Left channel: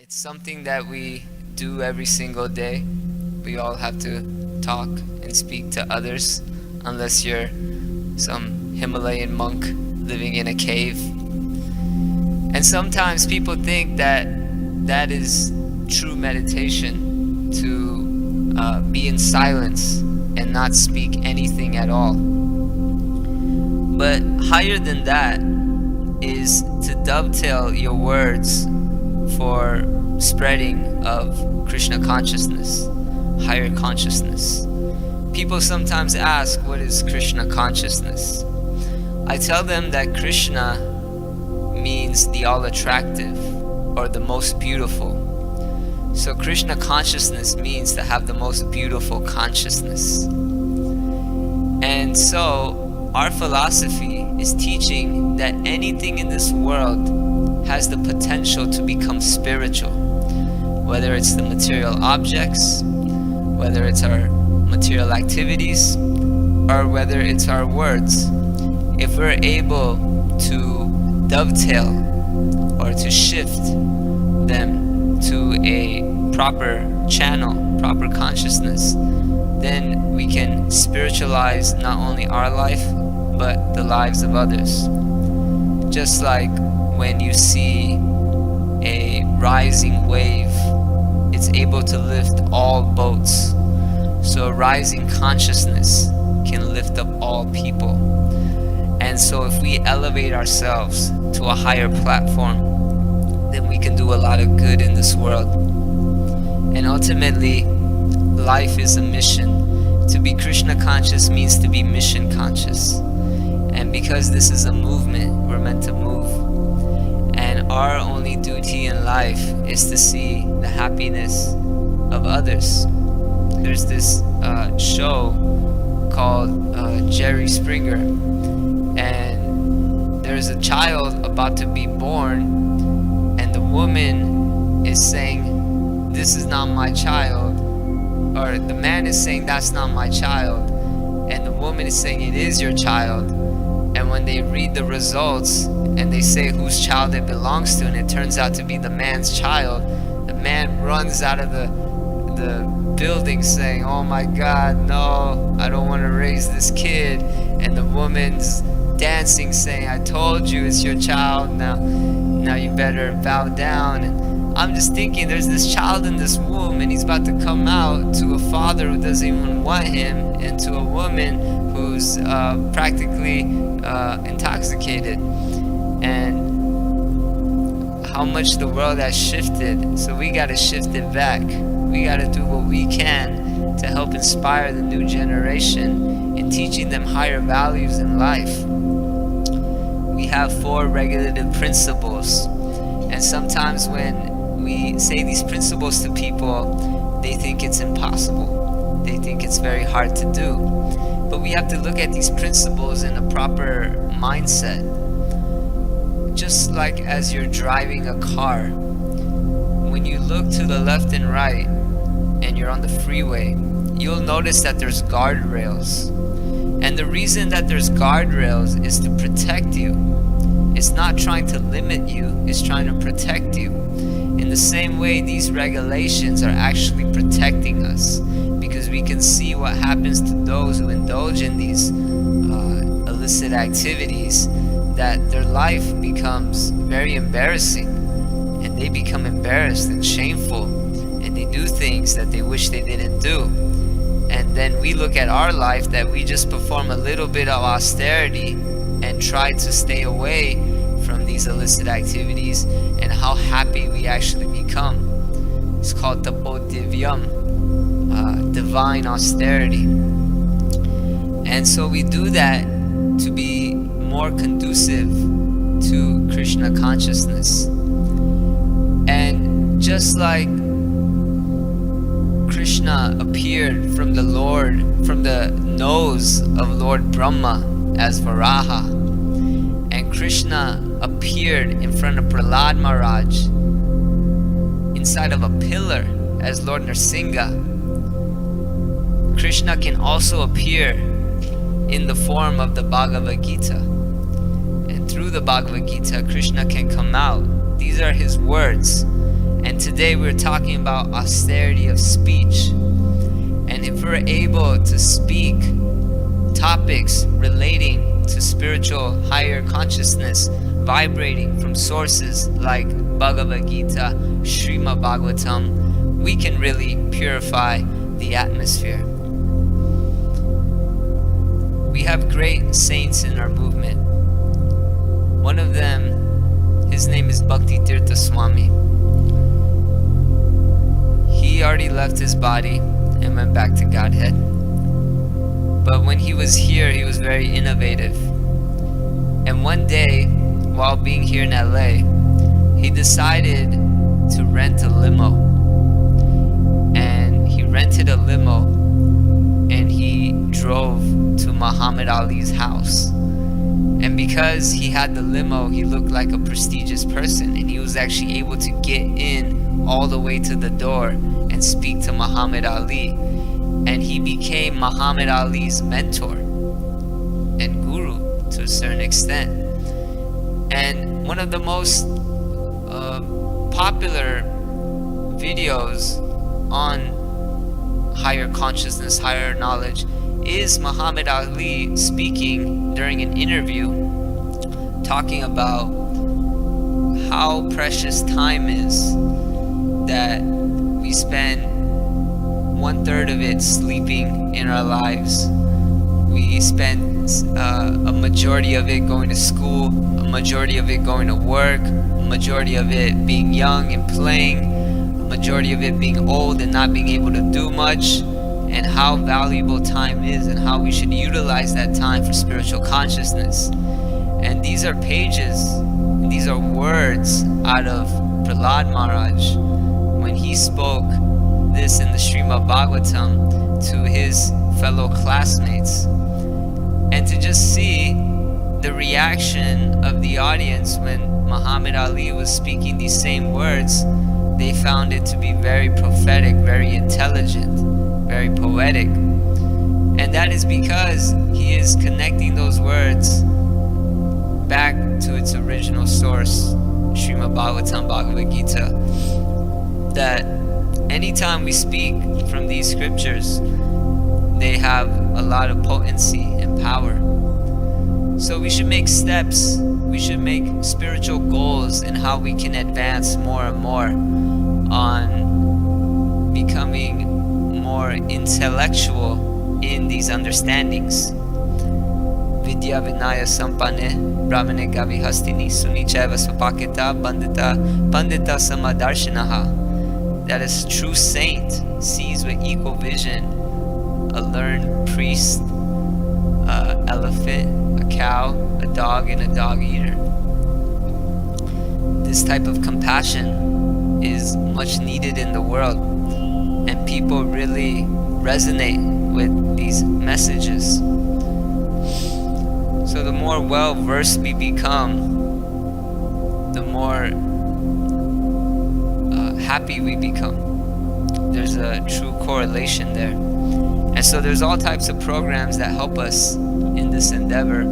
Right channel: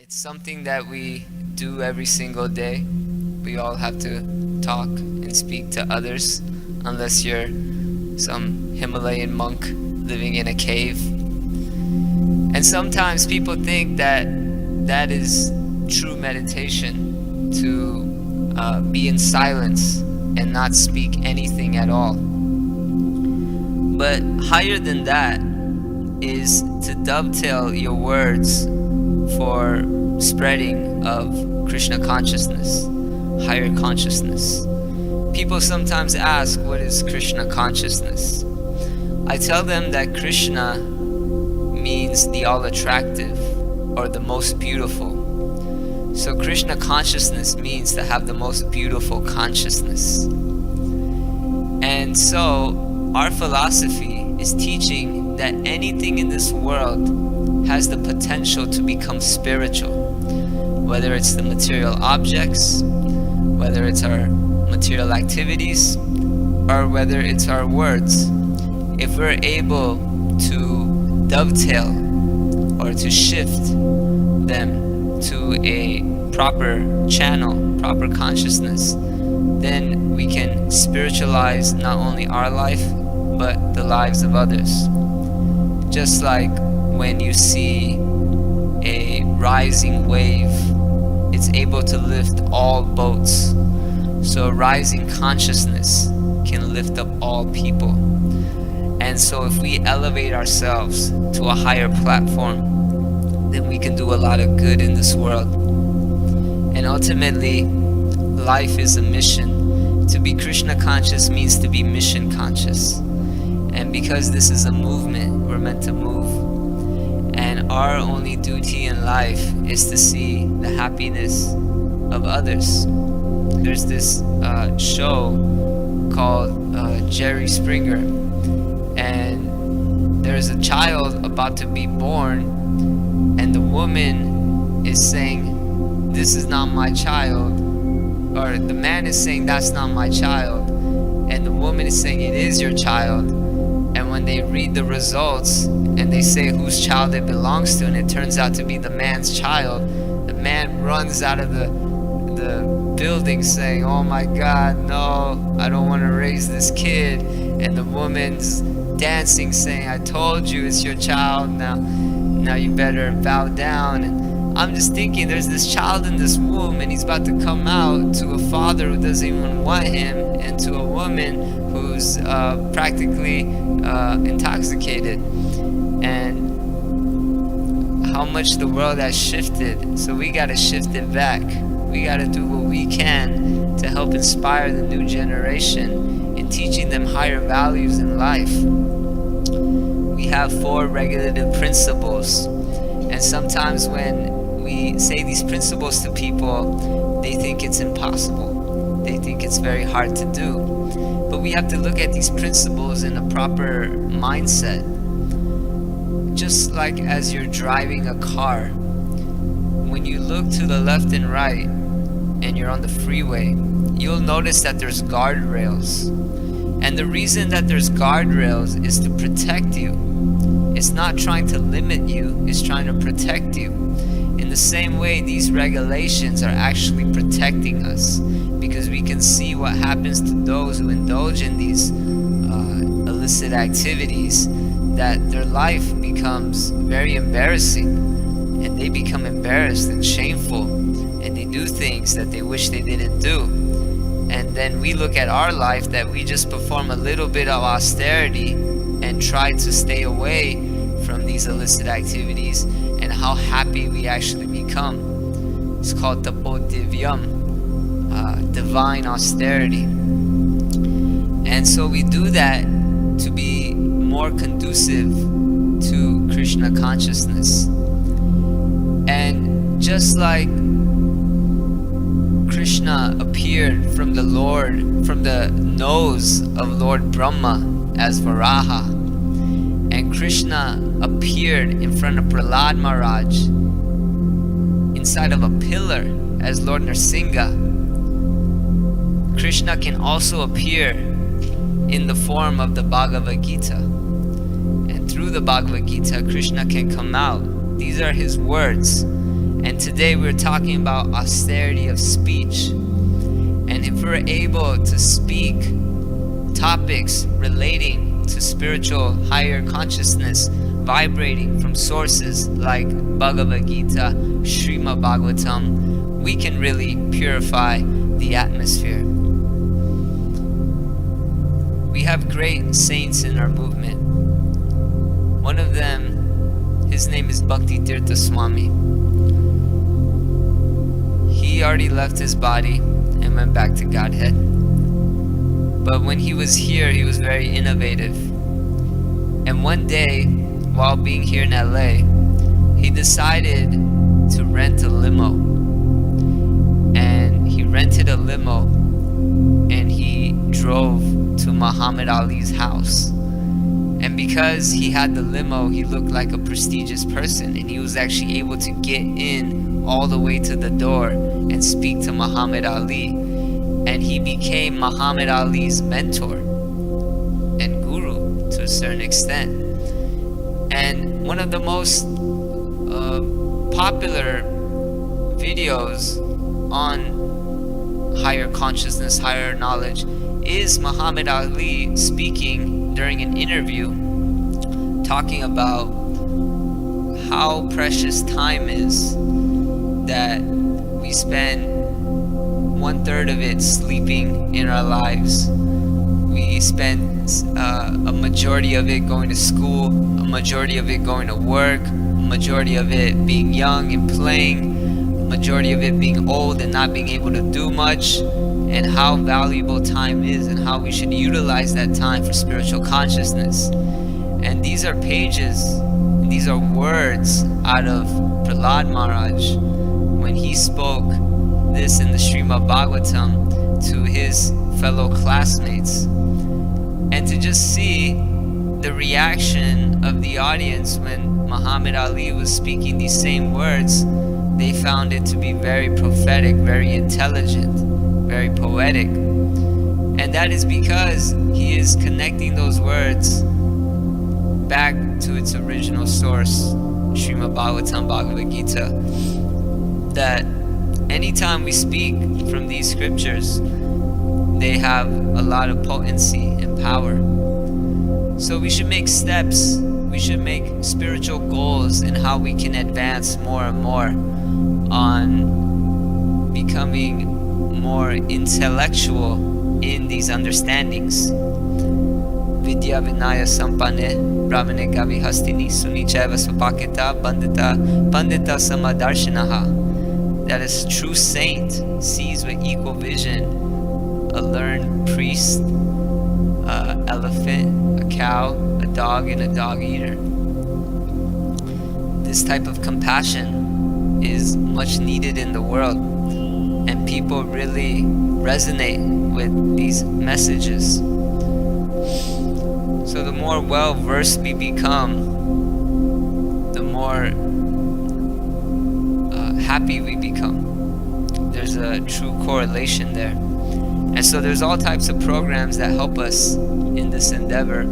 It's something that we do every single day. We all have to talk and speak to others, unless you're some Himalayan monk living in a cave. And sometimes people think that that is true meditation, to be in silence and not speak anything at all. But higher than that is to dovetail your words for spreading of Krishna consciousness, higher consciousness. People sometimes ask, what is Krishna consciousness? I tell them that Krishna means the all-attractive, or the most beautiful. So Krishna consciousness means to have the most beautiful consciousness. And so our philosophy is teaching that anything in this world has the potential to become spiritual, whether it's the material objects, whether it's our material activities, or whether it's our words. If we're able to dovetail or to shift them to a proper channel, proper consciousness, then we can spiritualize not only our life but the lives of others. Just like when you see a rising wave, it's able to lift all boats. So a rising consciousness can lift up all people. And so if we elevate ourselves to a higher platform, then we can do a lot of good in this world. And ultimately, life is a mission. To be Krishna conscious means to be mission conscious. And because this is a movement, we're meant to move. And our only duty in life is to see the happiness of others. There's this show called Jerry Springer, and there's a child about to be born, and the woman is saying, "This is not my child," or the man is saying, "That's not my child," and the woman is saying, "It is your child." And when they read the results and they say whose child it belongs to, and it turns out to be the man's child, the man runs out of the building saying, "Oh my God, no, I don't want to raise this kid." And the woman's dancing saying, "I told you it's your child, now you better bow down." And I'm just thinking, there's this child in this womb, and he's about to come out to a father who doesn't even want him, and to a woman who's practically intoxicated. And how much the world has shifted. So we got to shift it back. We got to do what we can to help inspire the new generation in teaching them higher values in life. We have 4 regulative principles, and sometimes when we say these principles to people, they think it's impossible. They think it's very hard to do. But we have to look at these principles in a proper mindset. Just like as you're driving a car, when you look to the left and right and you're on the freeway, you'll notice that there's guardrails. And the reason that there's guardrails is to protect you. It's not trying to limit you, it's trying to protect you. In the same way, these regulations are actually protecting us, because we can see what happens to those who indulge in these illicit activities, that their life becomes very embarrassing, and they become embarrassed and shameful, and they do things that they wish they didn't do. And then we look at our life, that we just perform a little bit of austerity and try to stay away from these illicit activities, and how happy we actually become. It's called tapodivyam, divine austerity. And so we do that to be more conducive to Krishna consciousness. And just like Krishna appeared from the nose of Lord Brahma as Varaha, and Krishna appeared in front of Prahlad Maharaj inside of a pillar as Lord Nrsimha, Krishna can also appear in the form of the Bhagavad Gita. And through the Bhagavad Gita, Krishna can come out. These are his words. And today we're talking about austerity of speech. And if we're able to speak topics relating to spiritual higher consciousness, vibrating from sources like Bhagavad Gita, Srimad Bhagavatam, we can really purify the atmosphere. We have great saints in our movement. One of them, his name is Bhakti Tirtha Swami. He already left his body and went back to Godhead. But when he was here, he was very innovative. And one day, while being here in LA, he decided to rent a limo. And he rented a limo and he drove to Muhammad Ali's house. And because he had the limo, he looked like a prestigious person, and he was actually able to get in all the way to the door and speak to Muhammad Ali. And he became Muhammad Ali's mentor and guru to a certain extent. And one of the most popular videos on higher consciousness, higher knowledge, is Muhammad Ali speaking during an interview, talking about how precious time is, that we spend 1/3 of it sleeping in our lives. We spend a majority of it going to school, a majority of it going to work, a majority of it being young and playing, a majority of it being old and not being able to do much, and how valuable time is and how we should utilize that time for spiritual consciousness. And these are pages, and these are words out of Prahlad Maharaj when he spoke this in the Srimad Bhagavatam to his fellow classmates. And to just see the reaction of the audience when Muhammad Ali was speaking these same words, they found it to be very prophetic, very intelligent, very poetic. And that is because he is connecting those words back to its original source, Srimad Bhagavatam, Bhagavad Gita. That anytime we speak from these scriptures, they have a lot of potency and power. So we should make steps, we should make spiritual goals in how we can advance more and more on becoming more intellectual in these understandings. Vidya Vinaya Sampane Brahmane Gavi Hastini Sunichaiva Svapakita Pandita Samadarshinaha. That is true saint sees with equal vision a learned priest, a elephant, a cow, a dog, and a dog eater. This type of compassion is much needed in the world, and people really resonate with these messages. So the more well-versed we become, the more happy we become. There's a true correlation there. And so there's all types of programs that help us in this endeavor.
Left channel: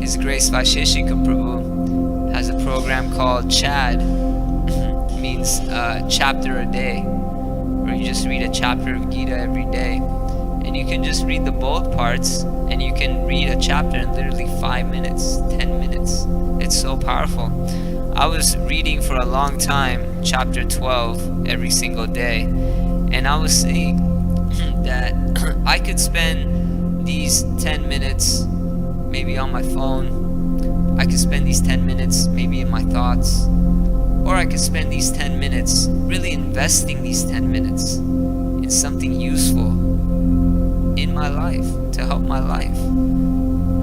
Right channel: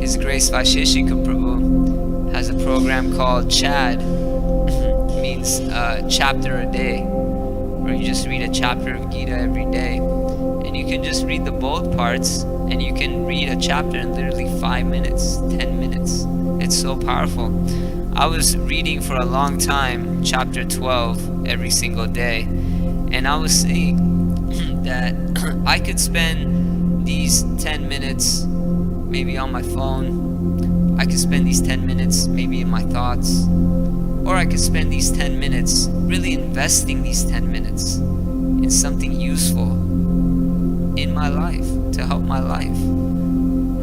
His Grace Vaisheshika Prabhu has a program called CHAD, means chapter a day, where you just read a chapter of Gita every day. And you can just read the bold parts, and you can read a chapter in literally 5 minutes, 10 minutes. It's so powerful. I was reading for a long time chapter 12 every single day, and I was seeing that I could spend these 10 minutes maybe on my phone, I could spend these 10 minutes maybe in my thoughts, or I could spend these 10 minutes really investing these 10 minutes in something useful in my life, to help my life.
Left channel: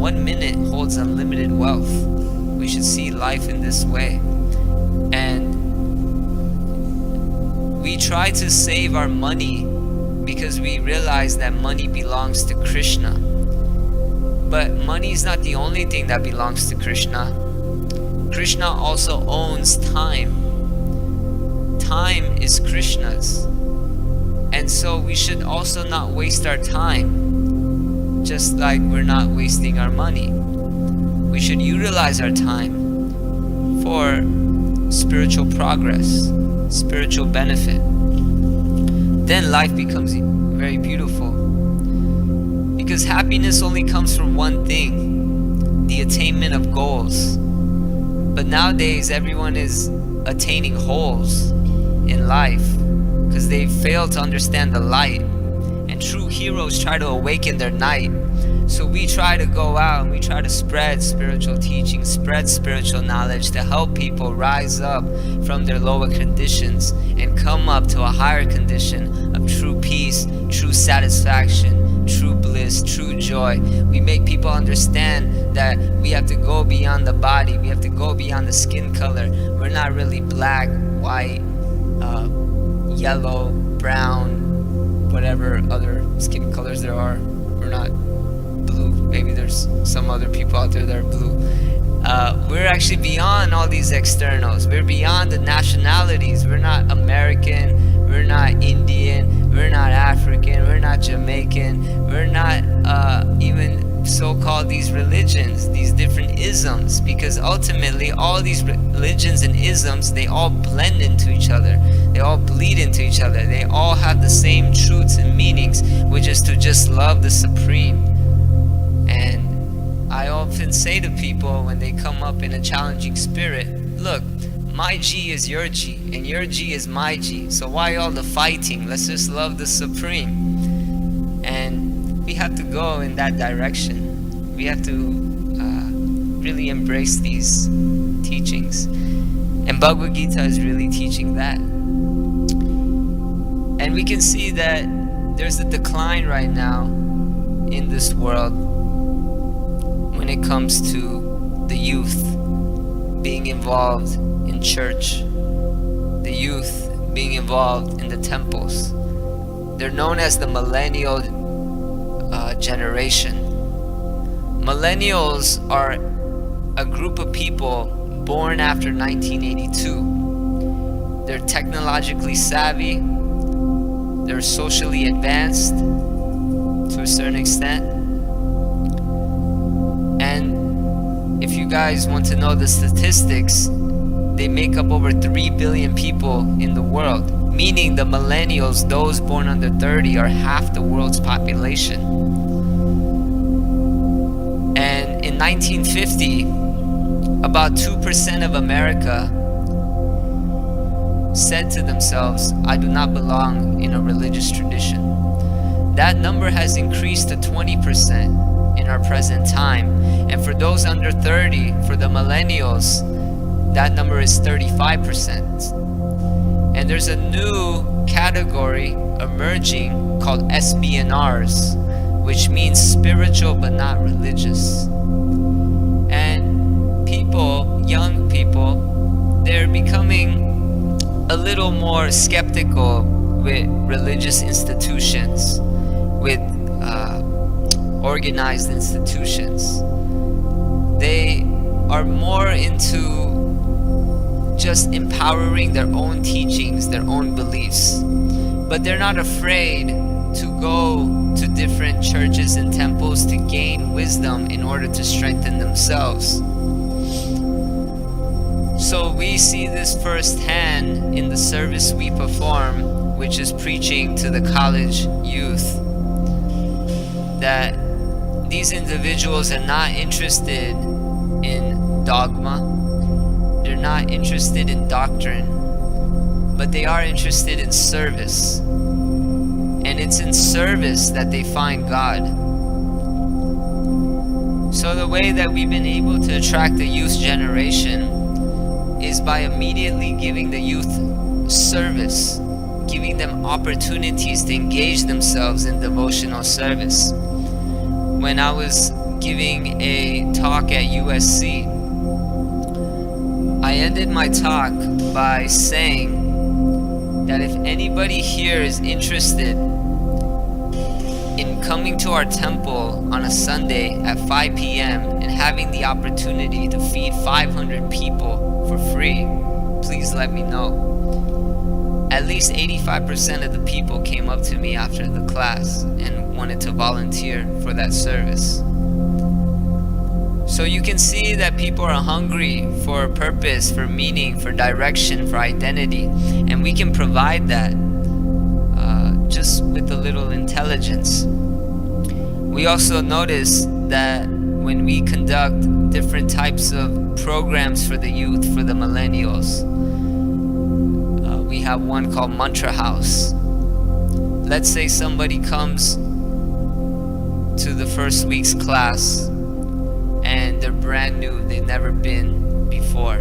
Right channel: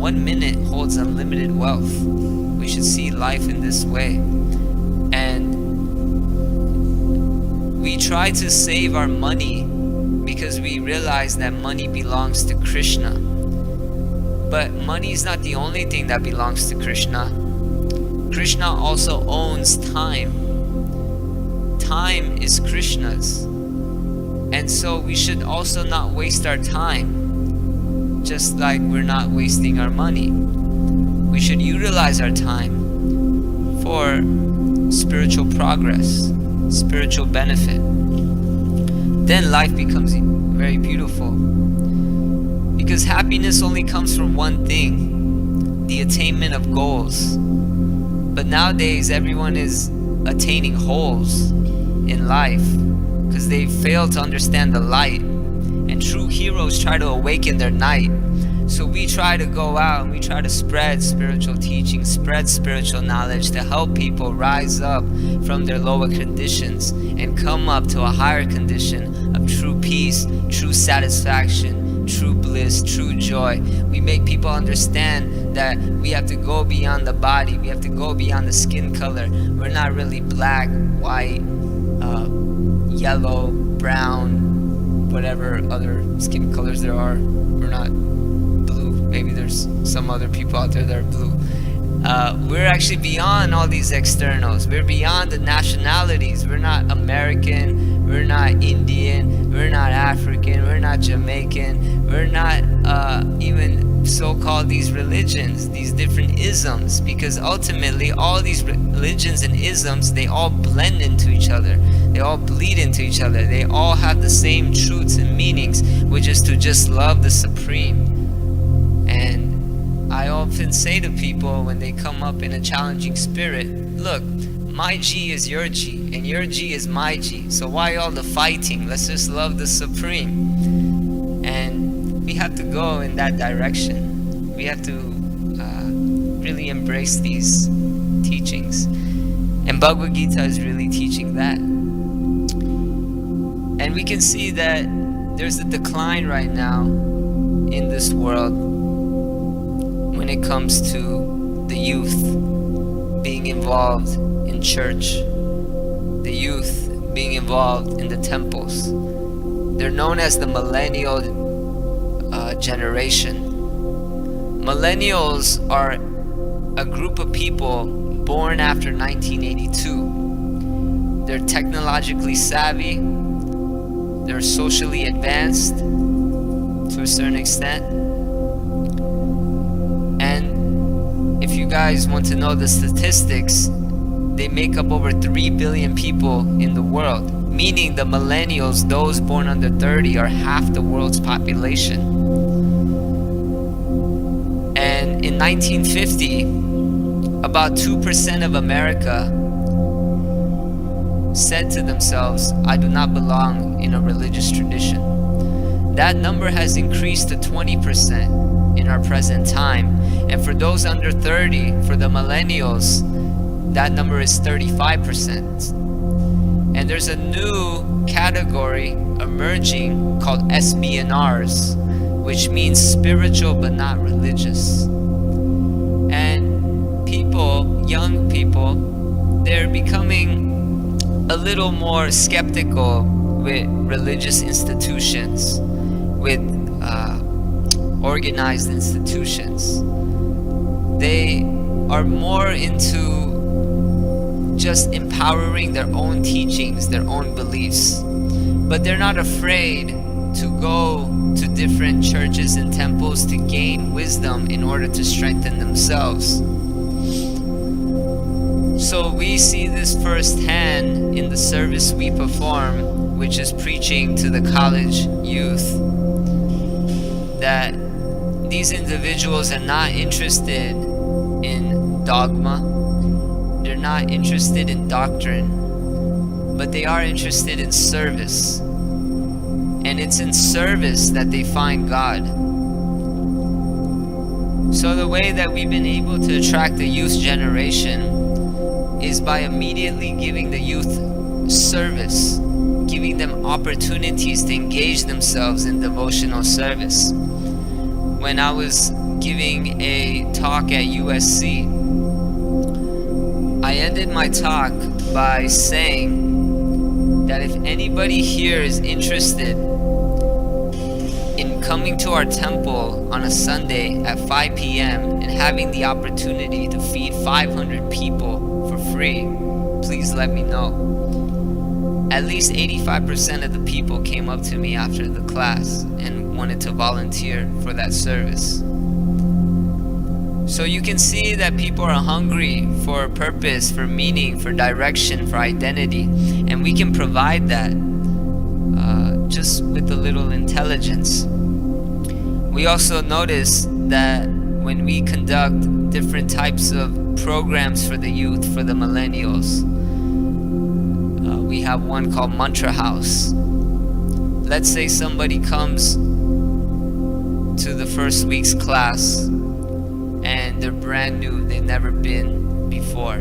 1 minute holds unlimited wealth. We should see life in this way. And we try to save our money because we realize that money belongs to Krishna. But money is not the only thing that belongs to Krishna. Krishna also owns time. Time is Krishna's. And so we should also not waste our time, just like we're not wasting our money. We should utilize our time for spiritual progress, spiritual benefit, then life becomes very beautiful. Because happiness only comes from one thing, the attainment of goals. But nowadays everyone is attaining holes in life because they fail to understand the light. And true heroes try to awaken their night. So we try to go out and we try to spread spiritual teaching, spread spiritual knowledge to help people rise up from their lower conditions and come up to a higher condition of true peace, true satisfaction, true bliss, true joy. We make people understand that we have to go beyond the body, we have to go beyond the skin color. We're not really black, white, yellow, brown, whatever other skin colors there are. We're not blue. Maybe there's some other people out there that are blue. We're actually beyond all these externals. We're beyond the nationalities. We're not American, we're not Indian, we're not African, we're not Jamaican, we're not even so-called these religions, these different isms, because ultimately all these religions and isms, they all blend into each other, they all bleed into each other, they all have the same truths and meanings, which is to just love the Supreme. And I often say to people when they come up in a challenging spirit, look, my G is your G and your G is my G, so why all the fighting? Let's just love the Supreme. And we have to go in that direction. We have to really embrace these teachings. And Bhagavad Gita is really teaching that. And we can see that there's a decline right now in this world when it comes to the youth being involved in church, the youth being involved in the temples. They're known as the millennial generation. Millennials are a group of people born after 1982. They're technologically savvy, they're socially advanced to a certain extent, and if you guys want to know the statistics, they make up over 3 billion people in the world, meaning the millennials, those born under 30, are half the world's population. And in 1950, about 2% of America said to themselves, I do not belong in a religious tradition. That number has increased to 20% in our present time. And for those under 30, for the millennials, that number is 35%. And there's a new category emerging called SBNRs, which means spiritual but not religious. And people, young people, they're becoming a little more skeptical with religious institutions, with organized institutions. They are more into just empowering their own teachings, their own beliefs. But they're not afraid to go to different churches and temples to gain wisdom in order to strengthen themselves. So we see this firsthand in the service we perform, which is preaching to the college youth, that these individuals are not interested in dogma, they're not interested in doctrine, but they are interested in service. And it's in service that they find God. So the way that we've been able to attract the youth generation is by immediately giving the youth service, giving them opportunities to engage themselves in devotional service. When I was giving a talk at USC, I ended my talk by saying that if anybody here is interested in coming to our temple on a Sunday at 5 p.m. and having the opportunity to feed 500 people for free, please let me know. At least 85% of the people came up to me after the class and wanted to volunteer for that service. So you can see that people are hungry for purpose, for meaning, for direction, for identity, and we can provide that just with a little intelligence. We also notice that when we conduct different types of programs for the youth, for the millennials, we have one called Mantra House. Let's say somebody comes to the first week's class and they're brand new, they've never been before.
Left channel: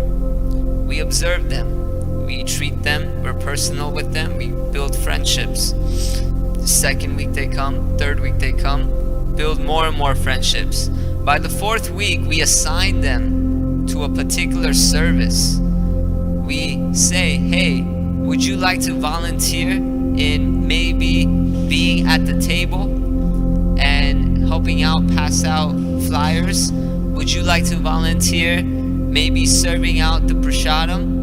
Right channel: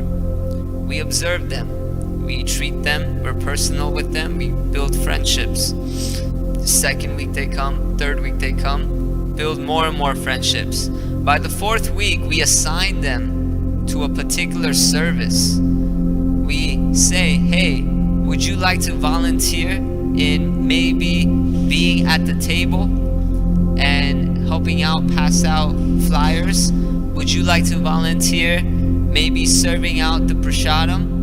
We observe them, we treat them, we're personal with them, we build friendships. The second week they come, third week they come, build more and more friendships. By the fourth week, we assign them to a particular service. We say, hey, would you like to volunteer in maybe being at the table and helping out, pass out flyers? Would you like to volunteer maybe serving out the prasadam?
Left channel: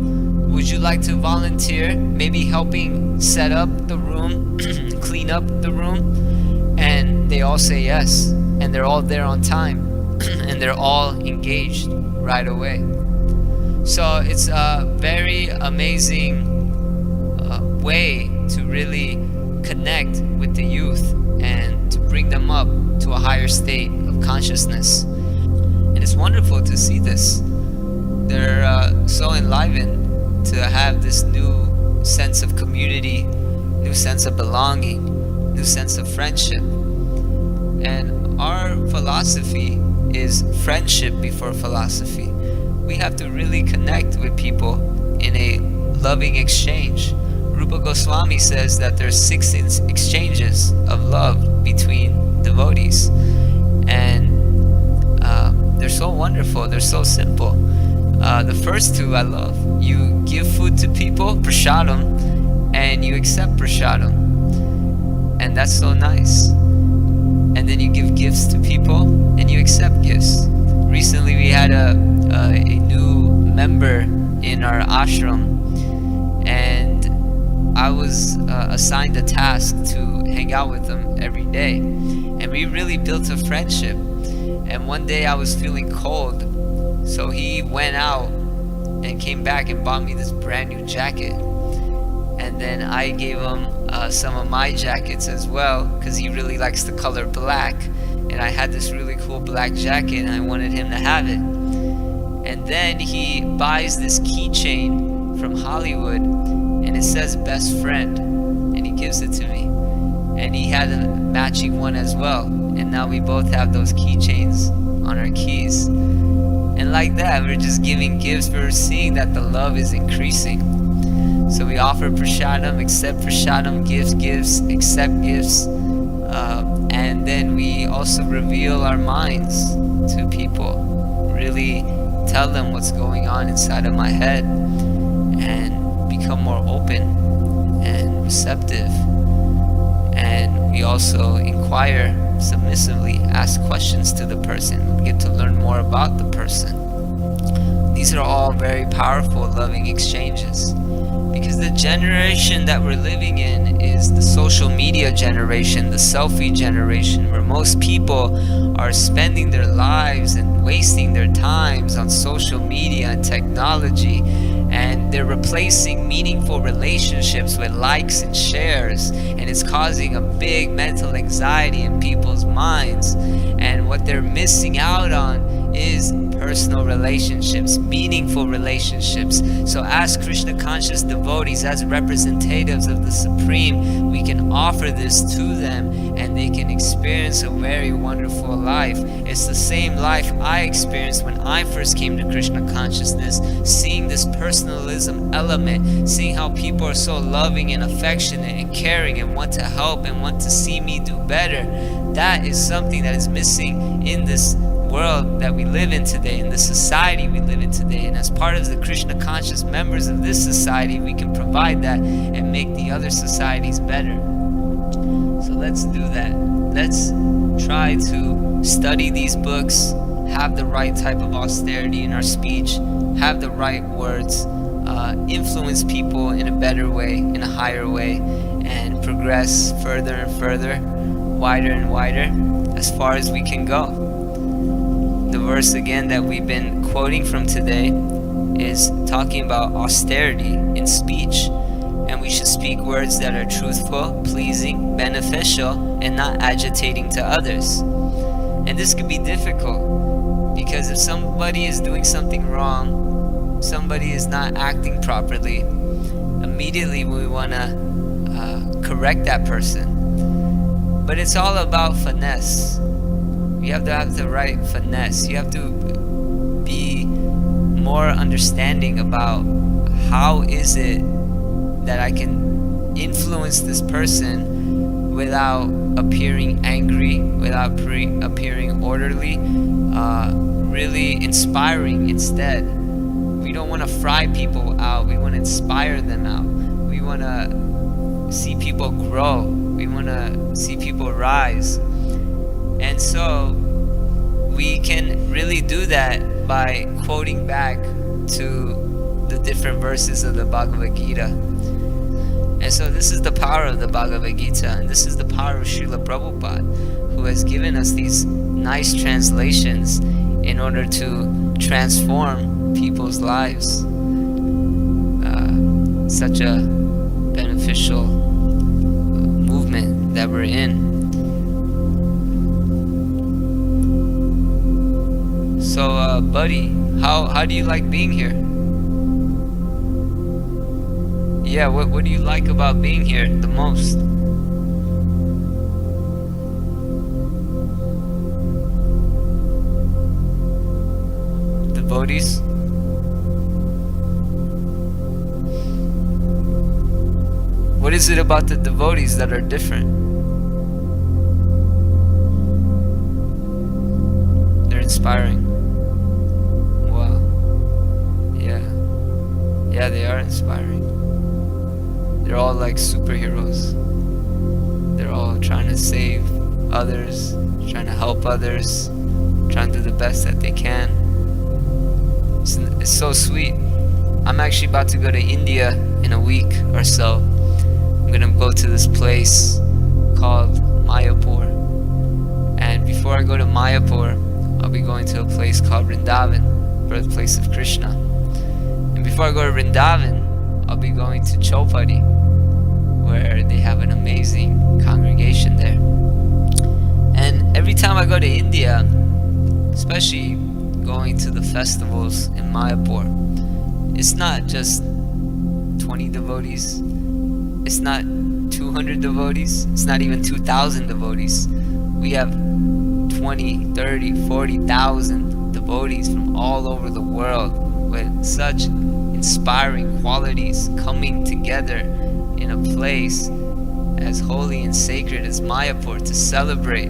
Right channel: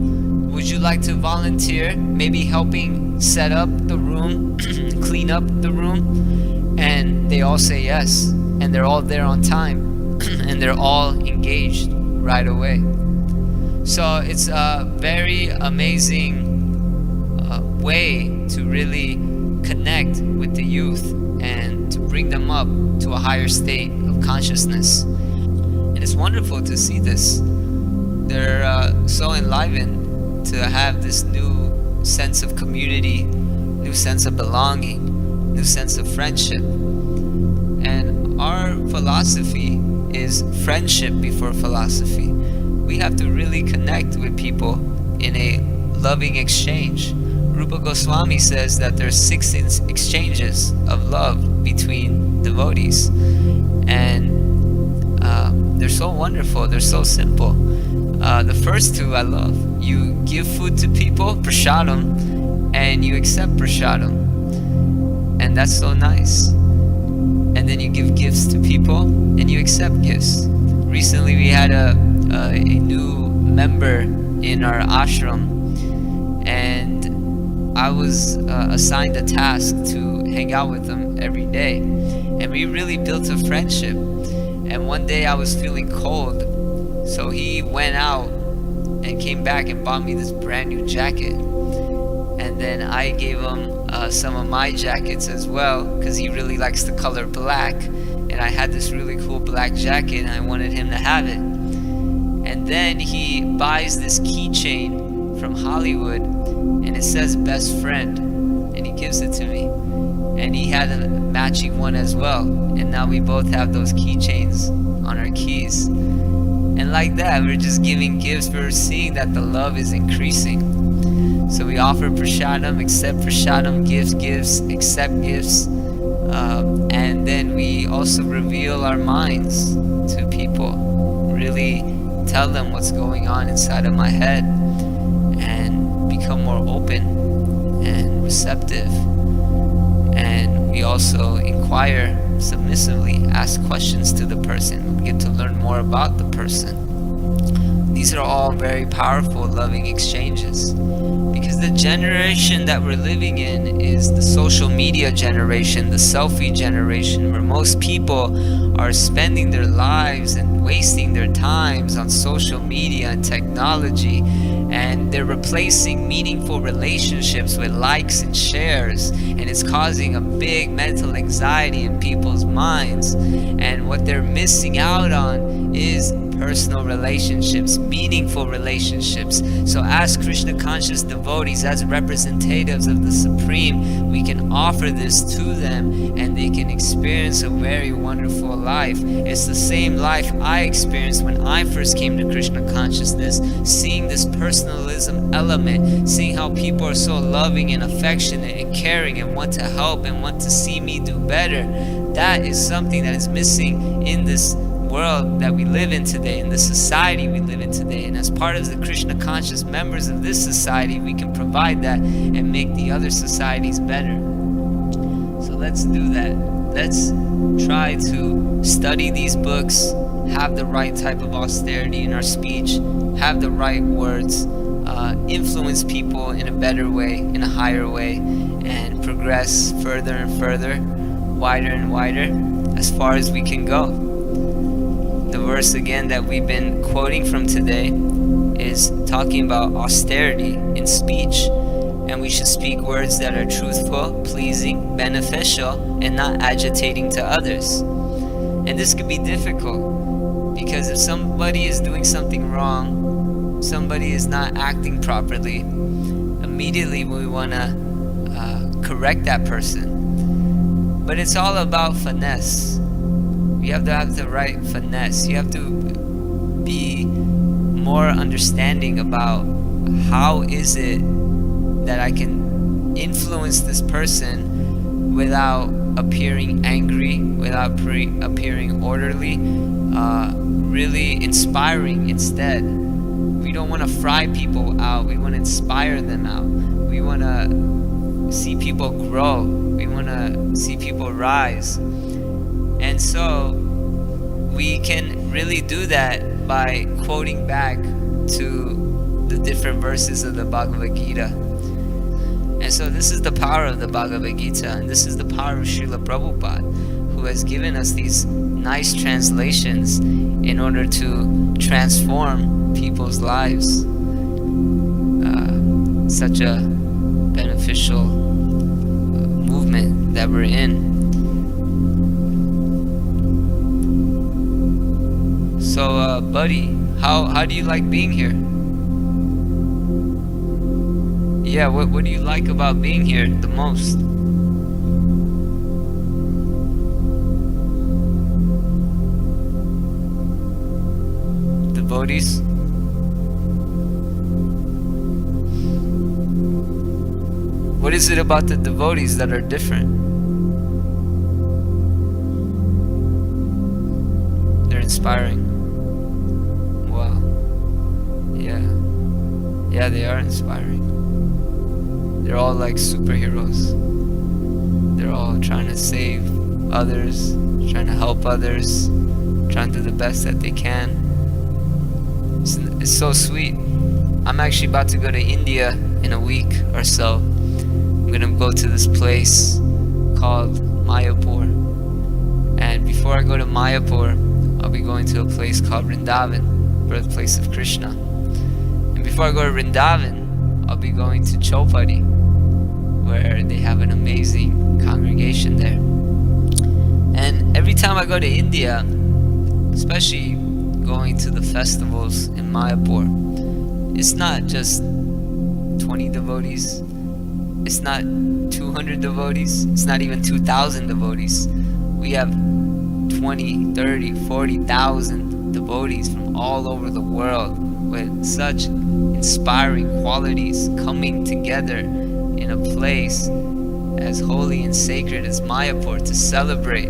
Would you like to volunteer maybe helping set up the room, clean up the room? And they all say yes, and they're all there on time, and they're all engaged right away. So it's a very amazing way to really connect with the youth and to bring them up to a higher state of consciousness. And it's wonderful to see this. They're so enlivened to have this new sense of community, new sense of belonging, new sense of friendship. And our philosophy is friendship before philosophy. We have to really connect with people in a loving exchange. Rupa Goswami says that there's 6 exchanges of love between devotees, and they're so wonderful, they're so simple. The first 2 I love. You give food to people, prasadam, and you accept prasadam, and that's so nice. And then you give gifts to people and you accept gifts. Recently we had a new member in our ashram, and I was assigned a task to hang out with him every day, and we really built a friendship. And one day I was feeling cold, so he went out and came back and bought me this brand new jacket. And then I gave him some of my jackets as well, because he really likes the color black, and I had this really cool black jacket and I wanted him to have it. And then he buys this keychain from Hollywood, and it says best friend, and he gives it to me. And he had a matching one as well, and now we both have those keychains on our keys. And like that, we're just giving gifts. We're seeing that the love is increasing. So we offer prasadam, accept prasadam, give gifts, accept gifts, and then we also reveal our minds to people, really tell them what's going on inside of my head, and become more open and receptive. And we also inquire submissively, ask questions to the person. We get to learn more about the person. These are all very powerful, loving exchanges. Because the generation that we're living in is the social media generation, the selfie generation, where most people are spending their lives and wasting their times on social media and technology, and they're replacing meaningful relationships with likes and shares, and it's causing a big mental anxiety in people's minds. And what they're missing out on is personal relationships, meaningful relationships. So as Krishna conscious devotees, as representatives of the Supreme, we can offer this to them, and they can experience a very wonderful life. It's the same life I experienced when I first came to Krishna consciousness, seeing this personalism element, seeing how people are so loving and affectionate and caring and want to help and want to see me do better. That is something that is missing in this world that we live in today, in the society we live in today. And as part of the Krishna conscious members of this society, we can provide that and make the other societies better. So let's do that. Let's try to study these books, have the right type of austerity in our speech, have the right words, influence people in a better way, in a higher way, and progress further and further, wider and wider, as far as we can go. the verse again that we've been quoting from today is talking about austerity in speech, and we should speak words that are truthful, pleasing, beneficial, and not agitating to others. And this could be difficult because if somebody is doing something wrong, somebody is not acting properly, immediately we want to correct that person. But it's all about finesse. You have to have the right finesse. You have to be more understanding about how is it that I can influence this person without appearing angry, without appearing orderly, really inspiring instead. We don't want to fry people out. We want to inspire them out. We want to see people grow. We want to see people rise. And so we can really do that by quoting back to the different verses of the Bhagavad Gita. And so this is the power of the Bhagavad Gita, and this is the power of Srila Prabhupada, who has given us these nice translations in order to transform people's lives. Such a beneficial movement that we're in. So, buddy, how do you like being here? Yeah, what do you like about being here the most? Devotees? What is it about the devotees that are different? They're inspiring. Wow. Yeah, they are inspiring. They're all like superheroes. They're all trying to save others, trying to help others, trying to do the best that they can. It's so sweet. I'm actually about to go to India in a week or so. I'm gonna go to this place called Mayapur. And before I go to Mayapur, I'll be going to a place called Vrindavan, birthplace of Krishna. And before I go to Vrindavan, I'll be going to Chopati, where they have an amazing congregation there. And every time I go to India, especially going to the festivals in Mayapur, it's not just 20 devotees, it's not 200 devotees, it's not even 2,000 devotees. We have 20, 30, 40,000 devotees from all over the world with such inspiring qualities coming together in a place as holy and sacred as Mayapur to celebrate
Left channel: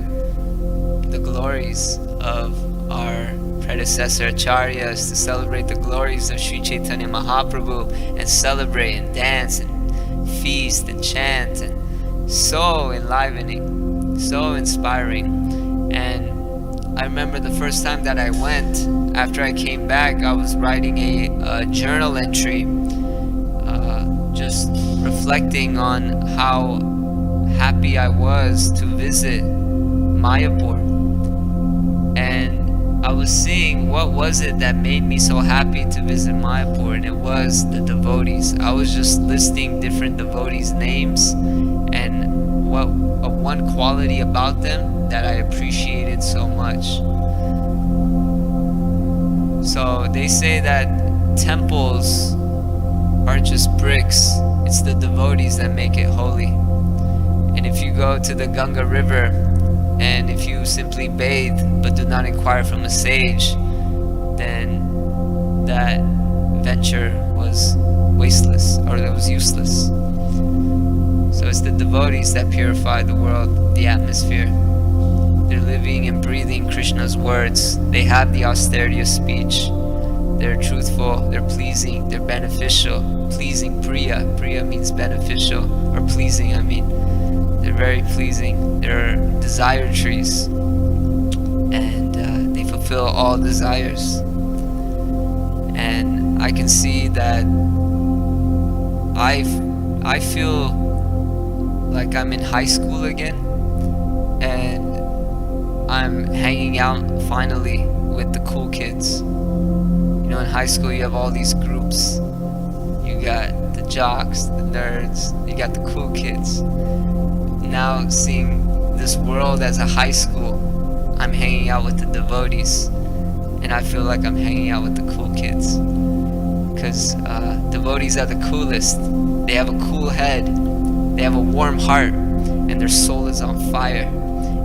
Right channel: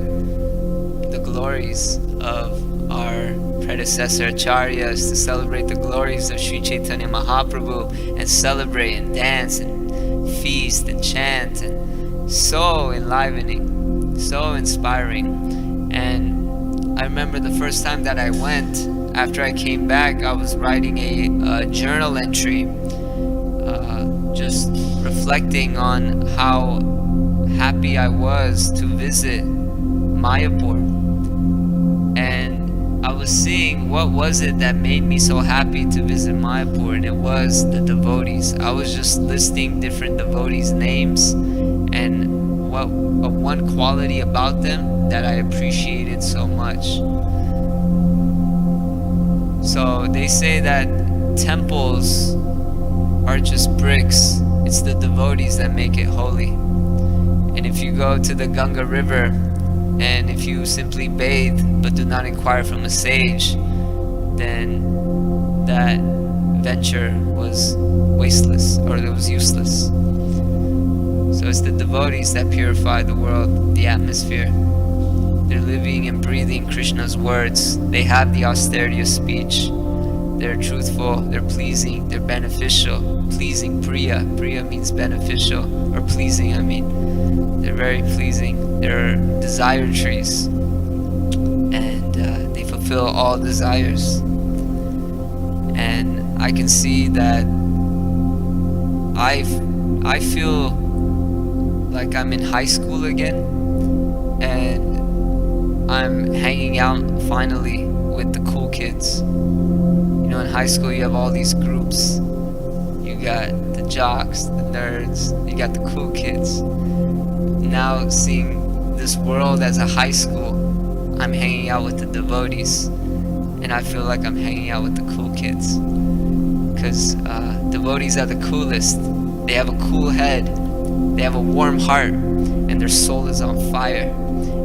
the glories of our predecessor acharyas, to celebrate the glories of Sri Chaitanya Mahaprabhu, and celebrate and dance and feast and chant, and so enlivening, so inspiring. And I remember the first time that I went, after I came back, I was writing a journal entry, just reflecting on how happy I was to visit Mayapur. And I was seeing what was it that made me so happy to visit Mayapur, and it was the devotees. I was just listing different devotees' names and what one quality about them that I appreciated so much. So they say that temples are just bricks. It's the devotees that make it holy. And if you go to the Ganga River, and if you simply bathe but do not inquire from a sage, then that venture was wasteless, or it was useless. So it's the devotees that purify the world, the atmosphere. They're living and breathing Krishna's words. They have the austerity of speech. They're truthful, they're pleasing, they're beneficial. Pleasing, priya. Priya means beneficial, or pleasing, I mean. They're very pleasing. They're desire trees. And they fulfill all desires. And I can see that I feel like I'm in high school again. And I'm hanging out finally with the cool kids. You know, in high school you have all these groups. You got the jocks, the nerds, you got the cool kids. Now seeing this world as a high school, I'm hanging out with the devotees, and I feel like I'm hanging out with the cool kids. Because devotees are the coolest. They have a cool head, they have a warm heart, and their soul is on fire,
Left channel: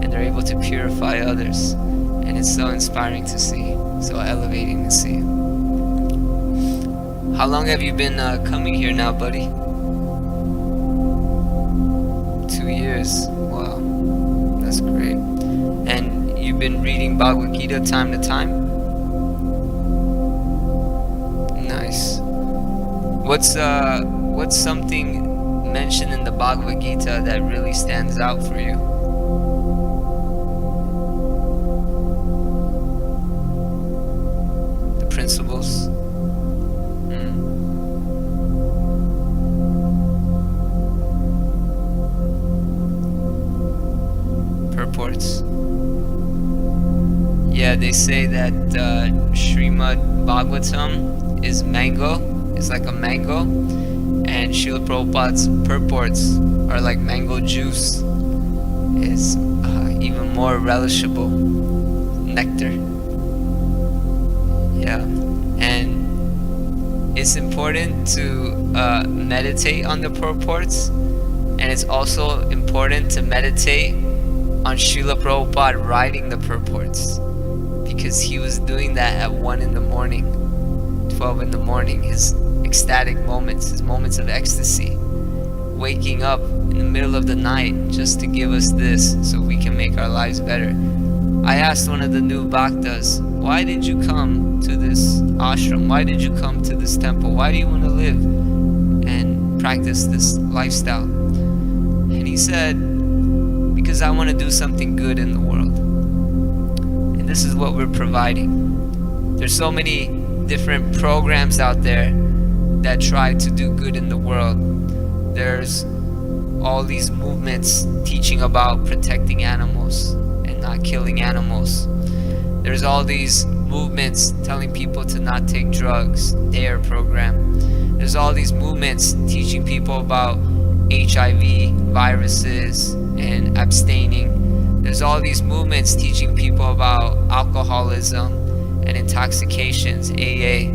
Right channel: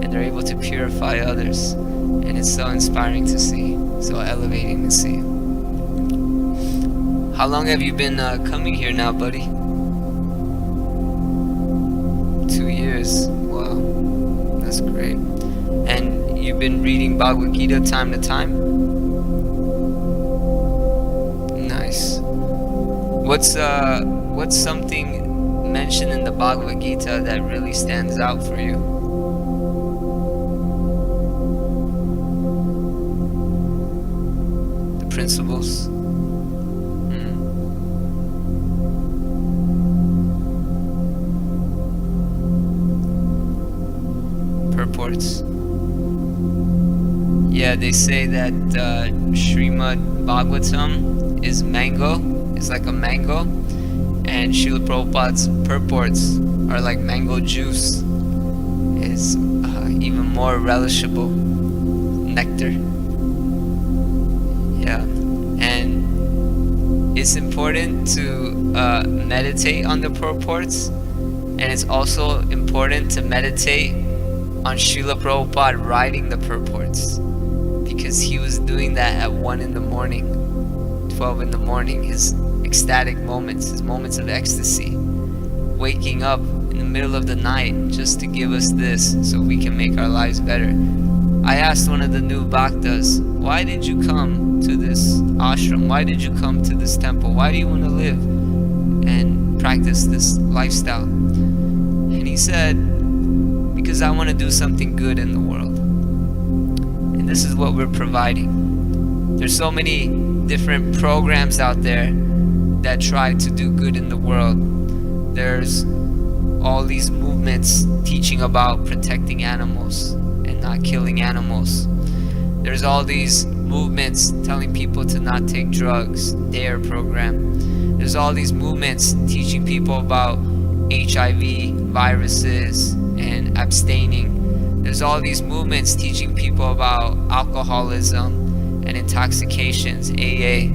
and they're able to purify others. And it's so inspiring to see, so elevating to see. How long have you been coming here now, buddy? 2 years. Wow, that's great. And you've been reading Bhagavad Gita time to time? Nice. What's something mentioned in the Bhagavad Gita that really stands out for you? The principles? Purports. Yeah, they say that Srimad Bhagavatam is mango. It's like a mango, and Srila Prabhupada's purports are like mango juice. It's even more relishable. Nectar. Yeah, and it's important to meditate on the purports, and it's also important to meditate on Srila Prabhupada writing the purports, because he was doing that at 1 in the morning, 12 in the morning, his ecstatic moments, his moments of ecstasy, waking up in the middle of the night just to give us this so we can make our lives better. I asked one of the new bhaktas, why did you come to this ashram? Why did you come to this temple? Why do you want to live and practice this lifestyle? And he said, because I want to do something good in the world. And this is what we're providing. There's so many different programs out there that try to do good in the world. There's all these movements teaching about protecting animals and not killing animals. There's all these movements telling people to not take drugs, DARE program. There's all these movements teaching people about HIV, viruses, and abstaining. There's all these movements teaching people about alcoholism and intoxications, AA.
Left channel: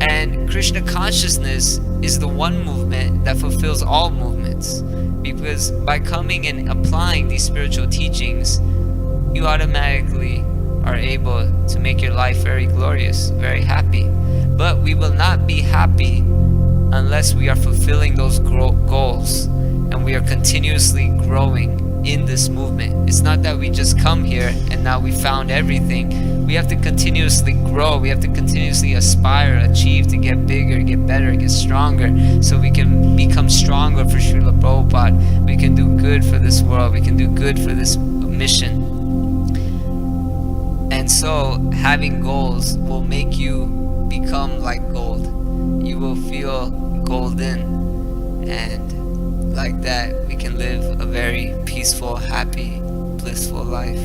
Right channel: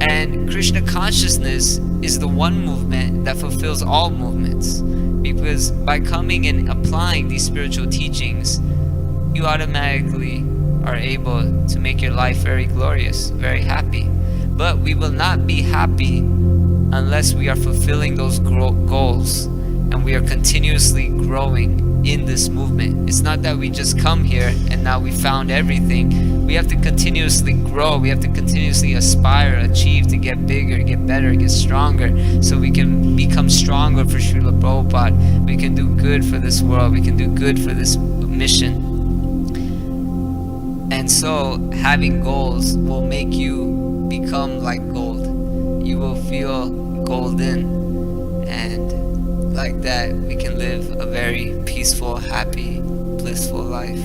And Krishna consciousness is the one movement that fulfills all movements, because by coming and applying these spiritual teachings, you automatically are able to make your life very glorious, very happy. But we will not be happy unless we are fulfilling those goals and we are continuously growing in this movement. It's not that we just come here and now we found everything. We have to continuously grow. We have to continuously aspire, achieve, to get bigger, get better, get stronger, so we can become stronger for Srila Prabhupada. We can do good for this world. We can do good for this mission. And so having goals will make you become like gold. You will feel golden, and like that we can live a very peaceful, happy, blissful life.